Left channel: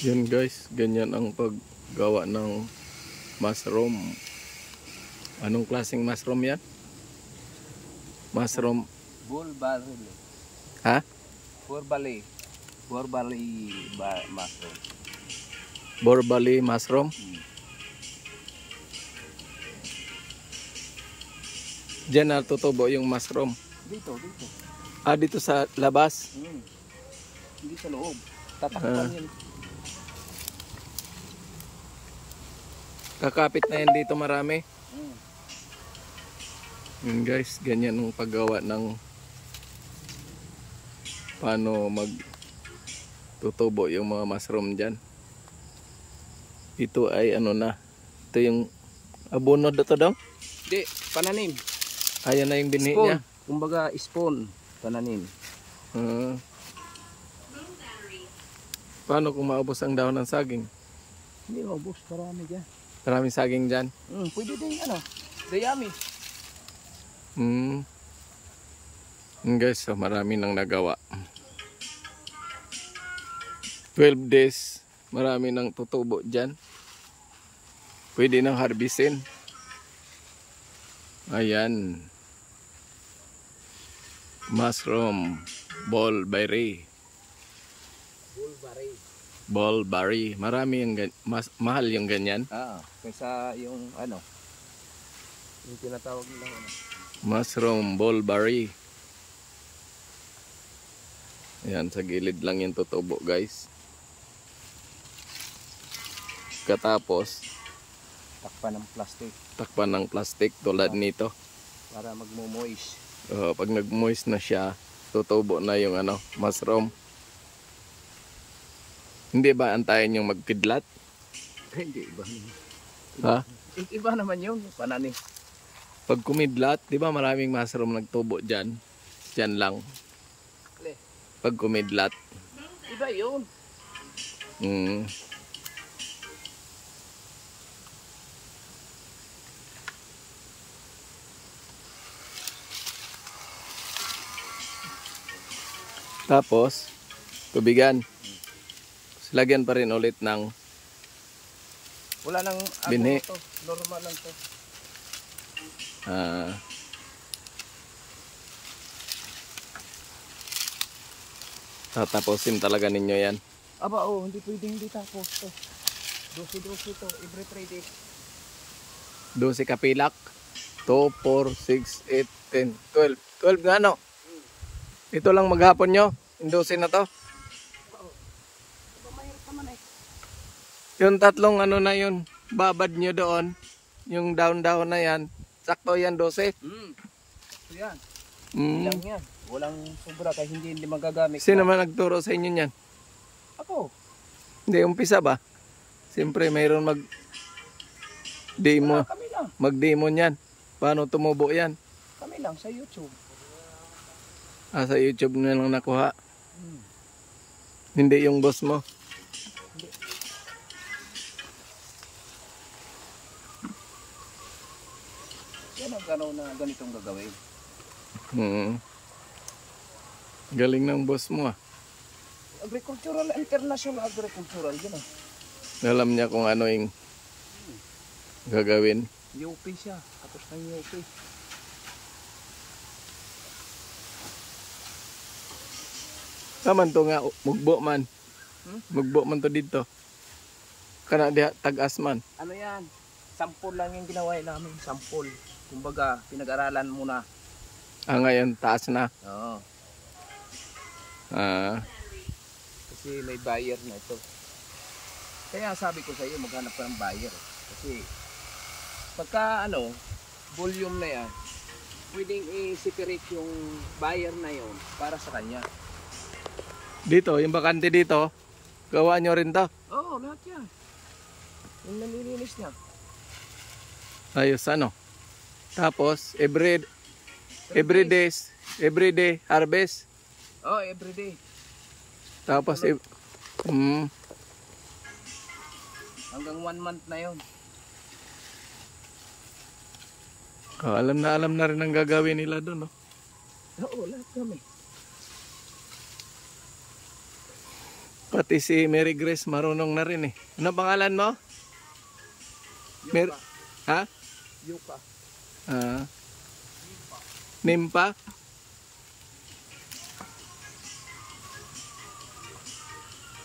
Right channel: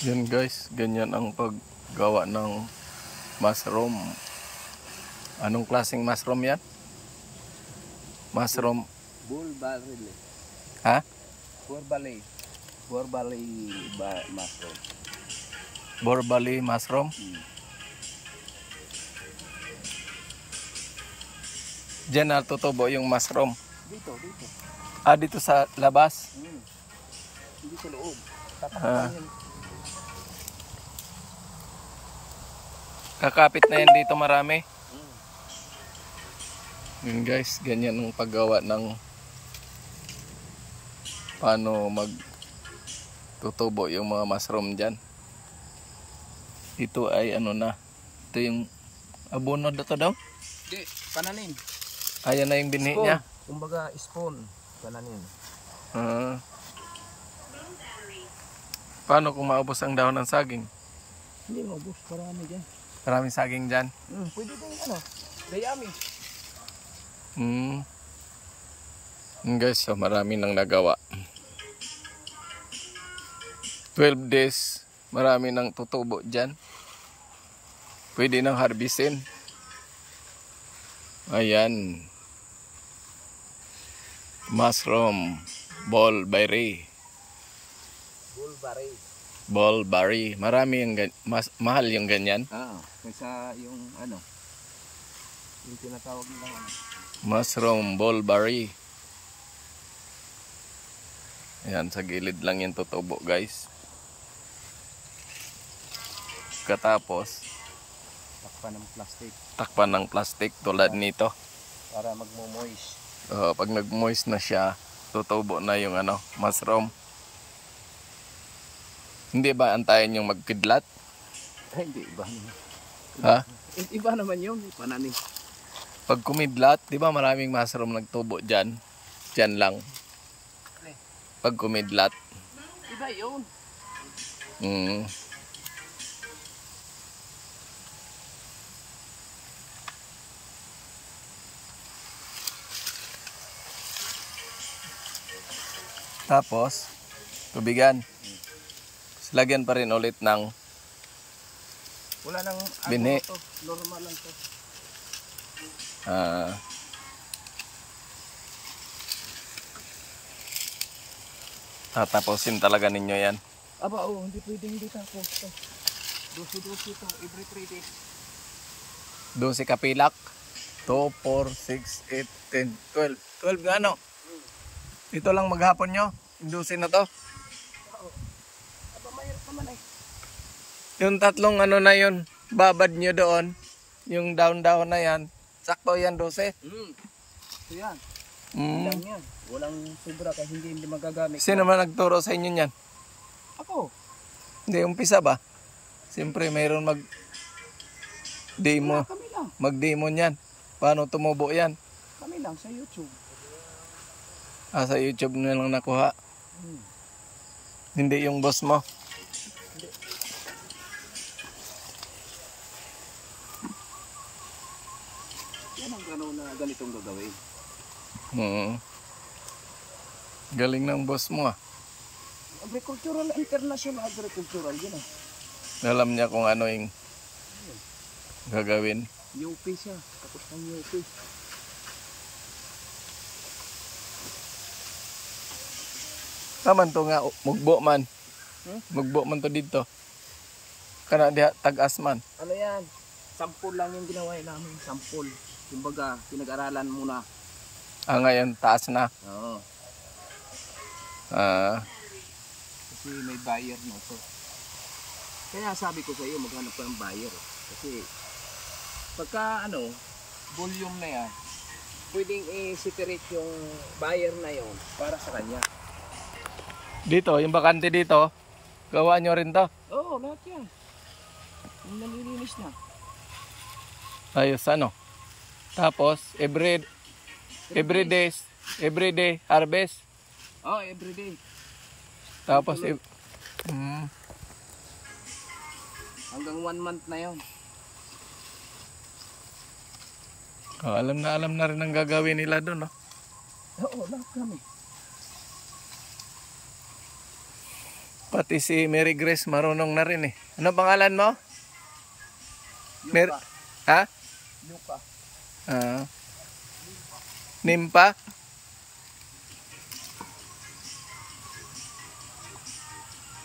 Yan guys, ganyan ang paggawa ng mushroom. Anong klaseng mushroom yan? Mushroom? Bulbali. Ha? Bulbali mushroom. Borbali mushroom? Diyan natutubo yung mushroom. Dito. Ah, dito sa labas? Hindi sa loob. Kakapit na yan dito marami. Yun guys, ganyan ang paggawa ng paano magtutubo yung mga mushroom dyan. Ito ay ano na. Ito yung abono dito daw? Hindi, pananim. Ayan na yung binhi niya. Kumbaga spawn, pananim. Paano kung maubos ang dahon ng saging? Hindi maubos, marami dyan. Maraming saging dyan? Pwede din dayami. Guys, so marami nang nagawa. 12 days, marami nang tutubo dyan. Pwede nang harbisin. Ayan. Mushroom, bulbari. Bulbari. Marami yung mahal yung ganyan. Kaysa yung yung tinatawag nilang Mushroom, bulbari. Ayan, sa gilid lang yung tutubo guys. Katapos takpan ng plastic tulad nito para magmo-moist. Pag nag-moist na siya, tutubo na yung mushroom. Hindi ba antayin yung magkidlat? Hindi, iba naman. Ha? Iba naman yun, pananim. Pag kumidlat, di ba maraming mushroom nagtubo dyan? Dyan lang. Pag kumidlat. Iba yun. Tapos, tubigan. Lagyan pa rin ulit ng wala nang binhi. Normal lang to. Tatapusin talaga ninyo yan. Aba, hindi pwedeng hindi tapos. 12 ito, every 3 days. 12 kapilak. 2, 4, 6, 8, 10, 12. 12 na ano? Ito lang maghapon nyo. Indusin na to. Aba, mahirap naman eh. Yung tatlong na yun, babad nyo doon. Yung down na yan. Sakto yan, 12. So yan. Ilang yan. Walang sobra kahit hindi magagamit. Sino man nagturo sa inyo yan? Ako. Hindi, umpisa ba? Siyempre, mayroon mag-demo. Kami lang. Mag-demo yan. Paano tumubo yan? Kami lang sa YouTube. Sa YouTube na lang nakuha. Hindi yung boss mo. Yan ang gano'n na ganitong gagawin. Galing ng boss mo Agricultural, international agricultural, yun Alam niya kung ano yung gagawin. UP siya, tapos ng UP. Taman to nga, mugbo man. Mugbo man to dito. Kana diha tag-asman. Ano yan? Sampol lang yung ginawa namin. Sampol. Kumbaga, pinag-aralan muna. Ngayon, taas na. Oo. Kasi may buyer na ito. Kaya sabi ko sa iyo, maghanap ka ng buyer. Kasi, pagka volume na yan, pwedeng i-separate yung buyer na yon para sa kanya. Dito, yung bakante dito, gawa nyo rin to? Oo, lahat yan. Yung namilinis niya. Ayos, Tapos, every day harvest. Everyday. Tapos, hanggang 1 month na yon. Alam na rin ang gagawin nila doon, no? Oo, lahat kami. Pati si Mary Grace marunong na rin eh. Ano pangalan mo? Yuka. Ha? Yuka. Nimpa?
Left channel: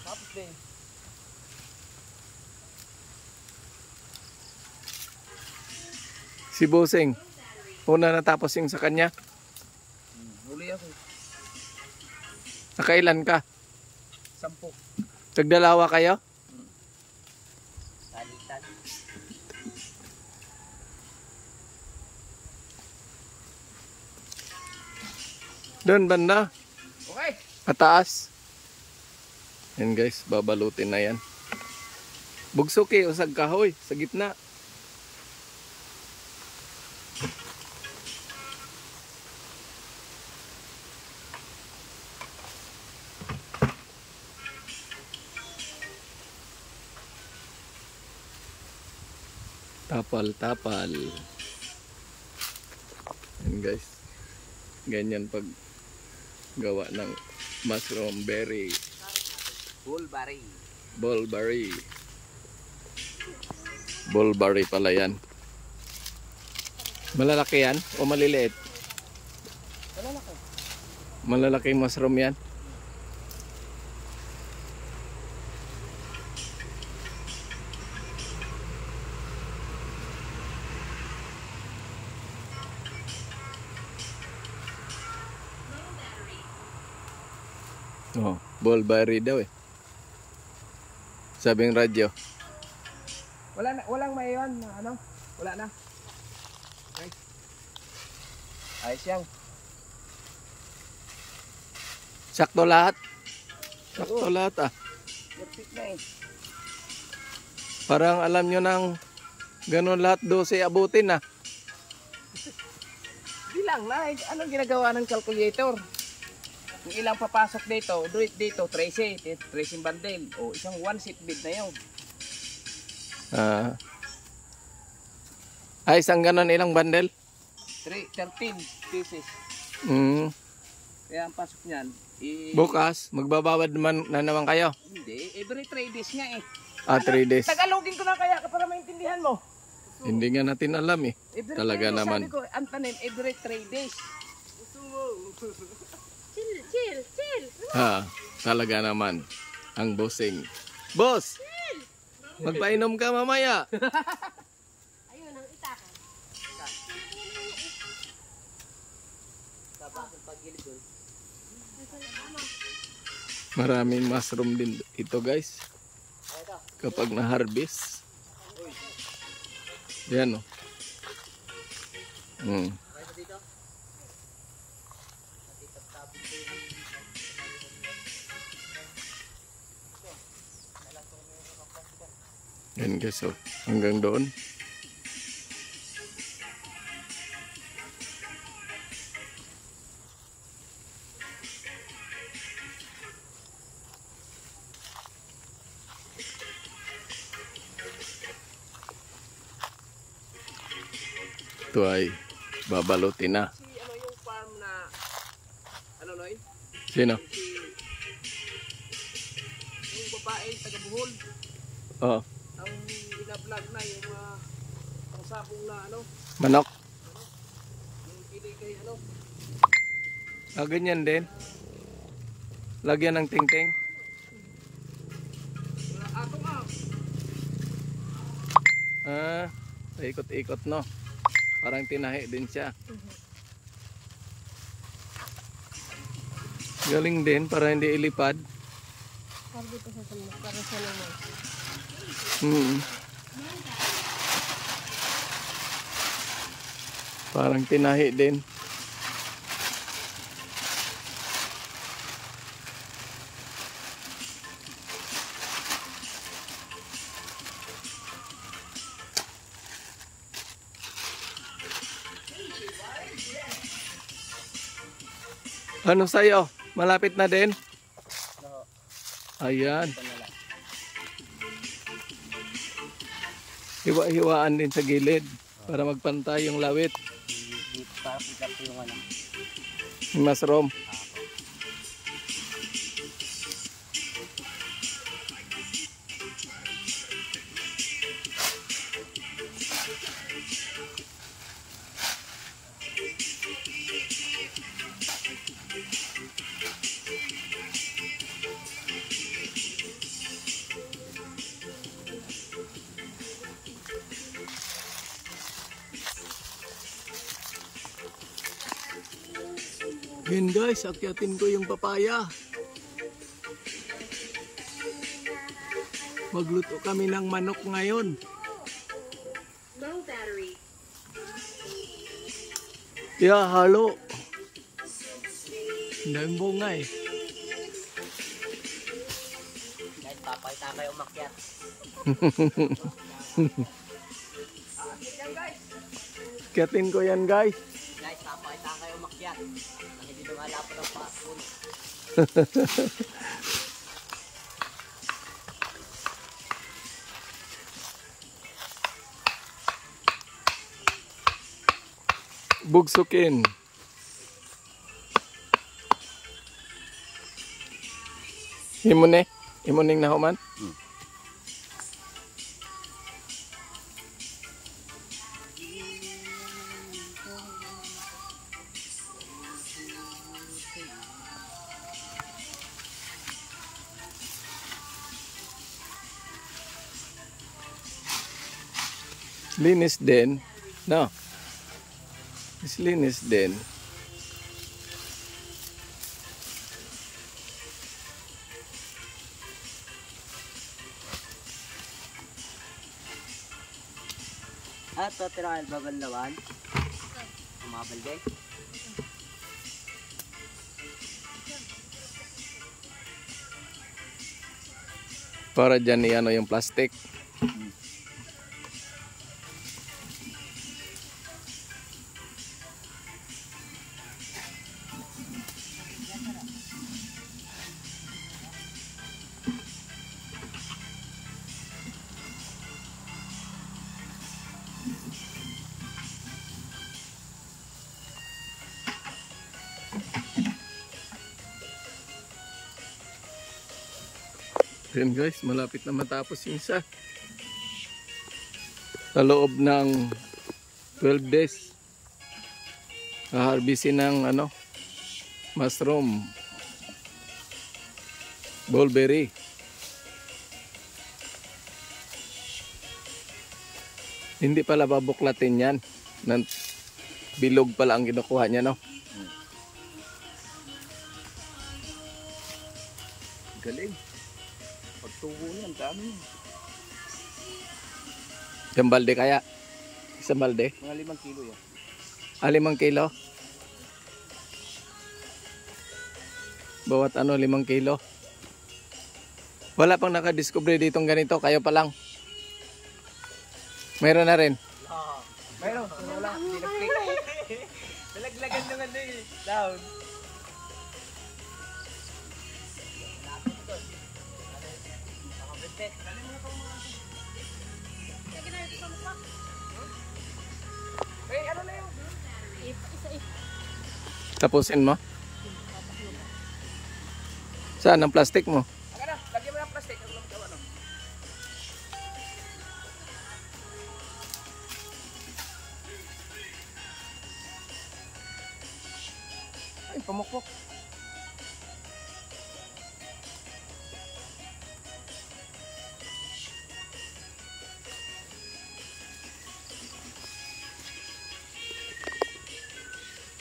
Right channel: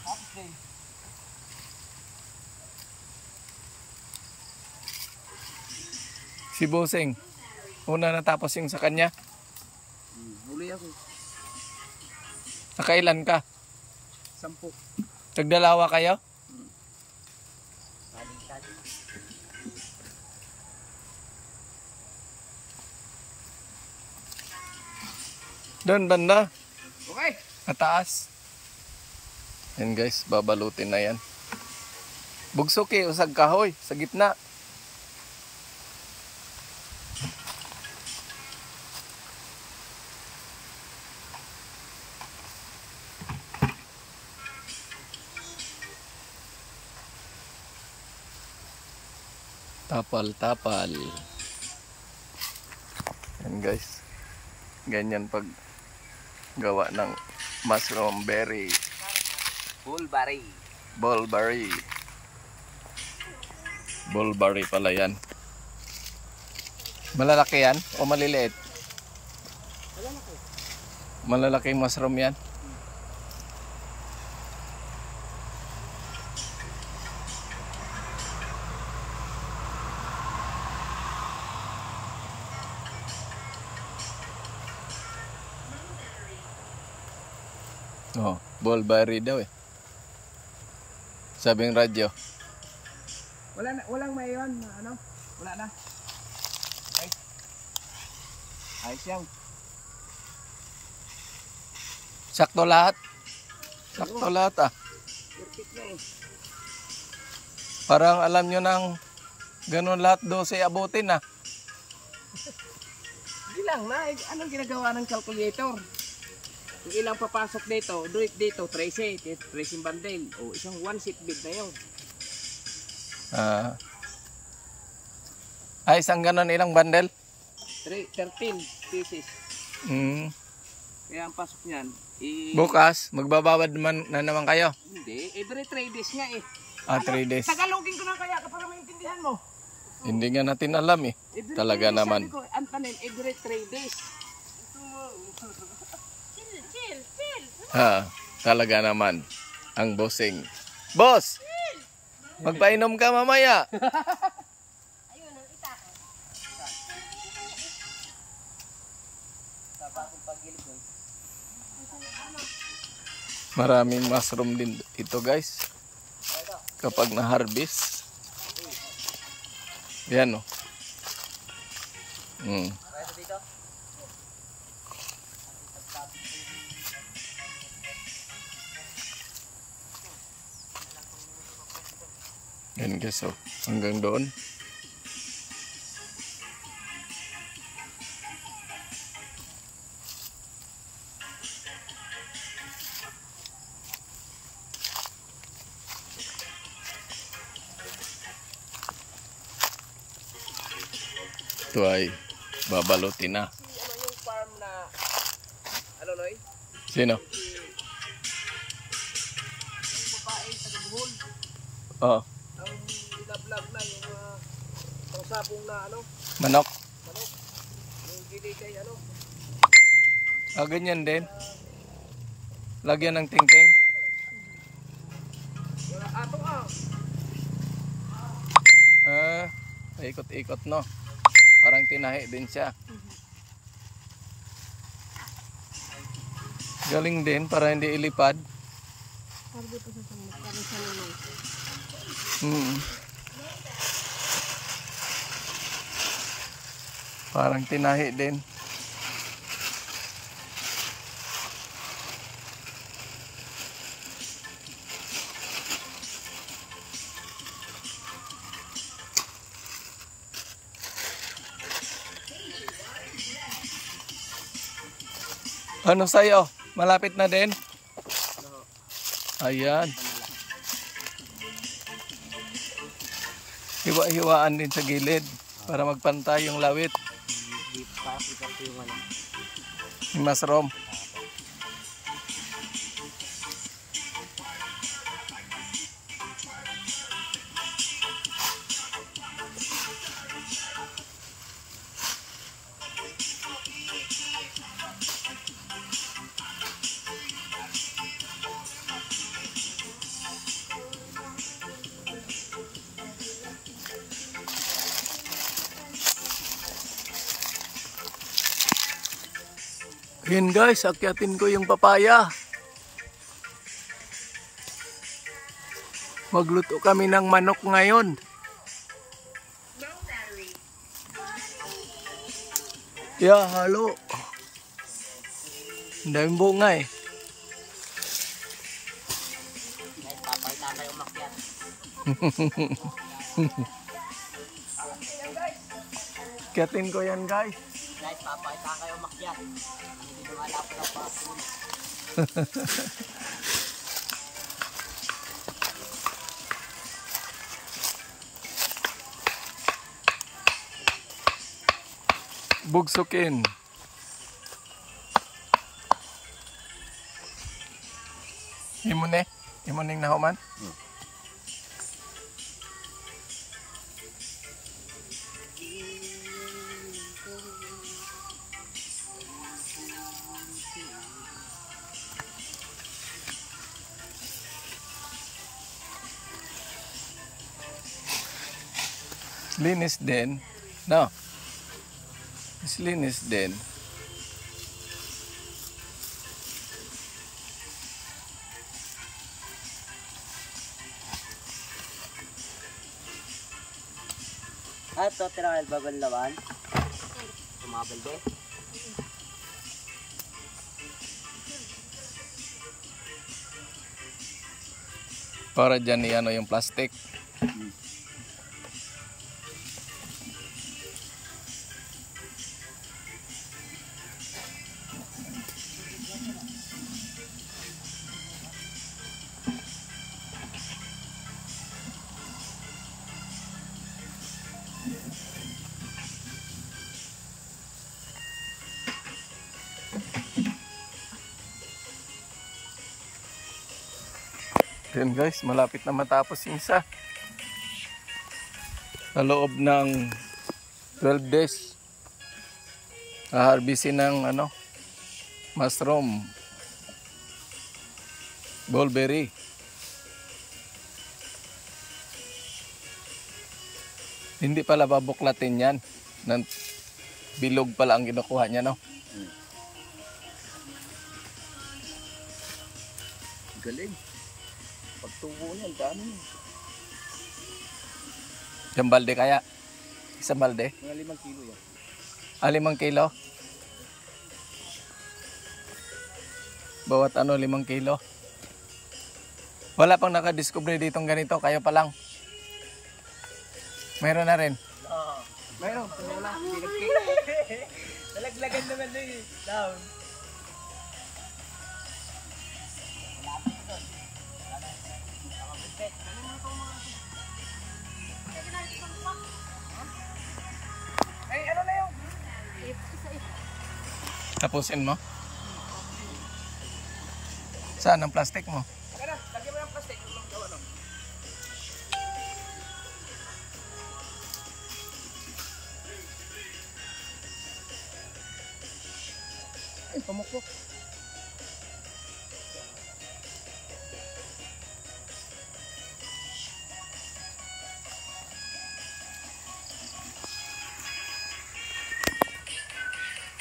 Tapos din. Si Boseng. Una natapos yung sa kanya. Huli ako. Nakailan ka? 10. Tagdalawa kayo? Doon banda. Okay. Mataas. Yan guys, babalutin na yan. Bugsuki, usag kahoy, sa gitna. Tapal. Yan guys. Ganyan pag gawa ng mushroom berry. Bulberry pala yan. Malalaki yan o maliliit? Malalaki mushroom yan. Oh, bulberry daw eh. Sabing radyo. Walang may ano? Wala na. Okay. Ayos yan. Sakto lahat. Sakto lahat ah. Perfect na eh. Parang alam nyo nang ganun lahat 12 abutin ah. Bilang na. Anong ginagawa ng calculator? Kung ilang papasok dito, dito 13 bundle. O isang one seat bid na yun. Isang ganun ilang bundle? 13 pieces. Kaya ang pasok niyan, Bukas, magbabawad na naman kayo? Hindi, every 3 days nga eh. 3 days. Tagalogin ko na kaya para maintindihan mo. Hindi nga natin alam eh. Every Talaga 3 days, naman. Sabi ko, Antanin, every 3 days. Chill. Talaga naman. Ang bossing. Boss! Magpainom ka mamaya. Ayun, ang itaka. Maraming mushroom din ito guys. Kapag na-harvest. Yan o. Yan guys o. Hanggang doon. Ito ay babalutin na. Si ano yung farm na ano Noy? Sino? Yung babae taga Bohol. Oh, Ang binablog na yung pangsabong na ano, manok. yung kili kay ano. Ganyan din. Lagyan ng tingting. Ato Ikot-ikot no. Parang tinahi din siya. Galing din para hindi ilipad. Parang tinahi din. Ano sa'yo? Malapit na din? Ayan. Hiwa-hiwaan din sa gilid para magpantay yung lawit. Yung mushroom. Yan guys, akyatin ko yung papaya. Magluto kami ng manok ngayon. No battery. Yeah, halo. Ang daming bunga eh. Guys, papalta kayo umakyat. Akyatin ko yan guys. Guys, papalta kayo umakyat. Ang hindi lumalapot ang passport. Bugsukin. Imuning nahuman. Linis din. No. Mas linis din. Ito, tira kayo babanlawan. Tumabalde. Para dyan i-ano yung plastic. Yan guys, malapit na matapos yung isa. Sa loob ng 12 days. Harvestin ng mushroom. Mulberry. Hindi pala babuklatin yan. Bilog pala ang kinukuha niya, no? Galing. Pagtubo niyan, dami. Isang balde kaya? Isang balde? Mga 5 kilo yun. 5 kilo? Bawat 5 kilo? Wala pang nakadiscover ditong ganito, kayo pa lang. Meron na rin. Mayroon, wala. Nalaglagan naman na eh. Down. Ay, ano na yun? Tapusin mo. Saan ang plastic mo? Yan na, lagyan mo ng plastic. Ay, pamukpok.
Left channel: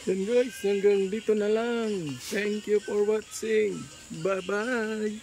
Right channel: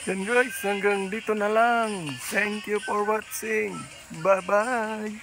Yan guys, hanggang dito na lang. Thank you for watching. Bye-bye.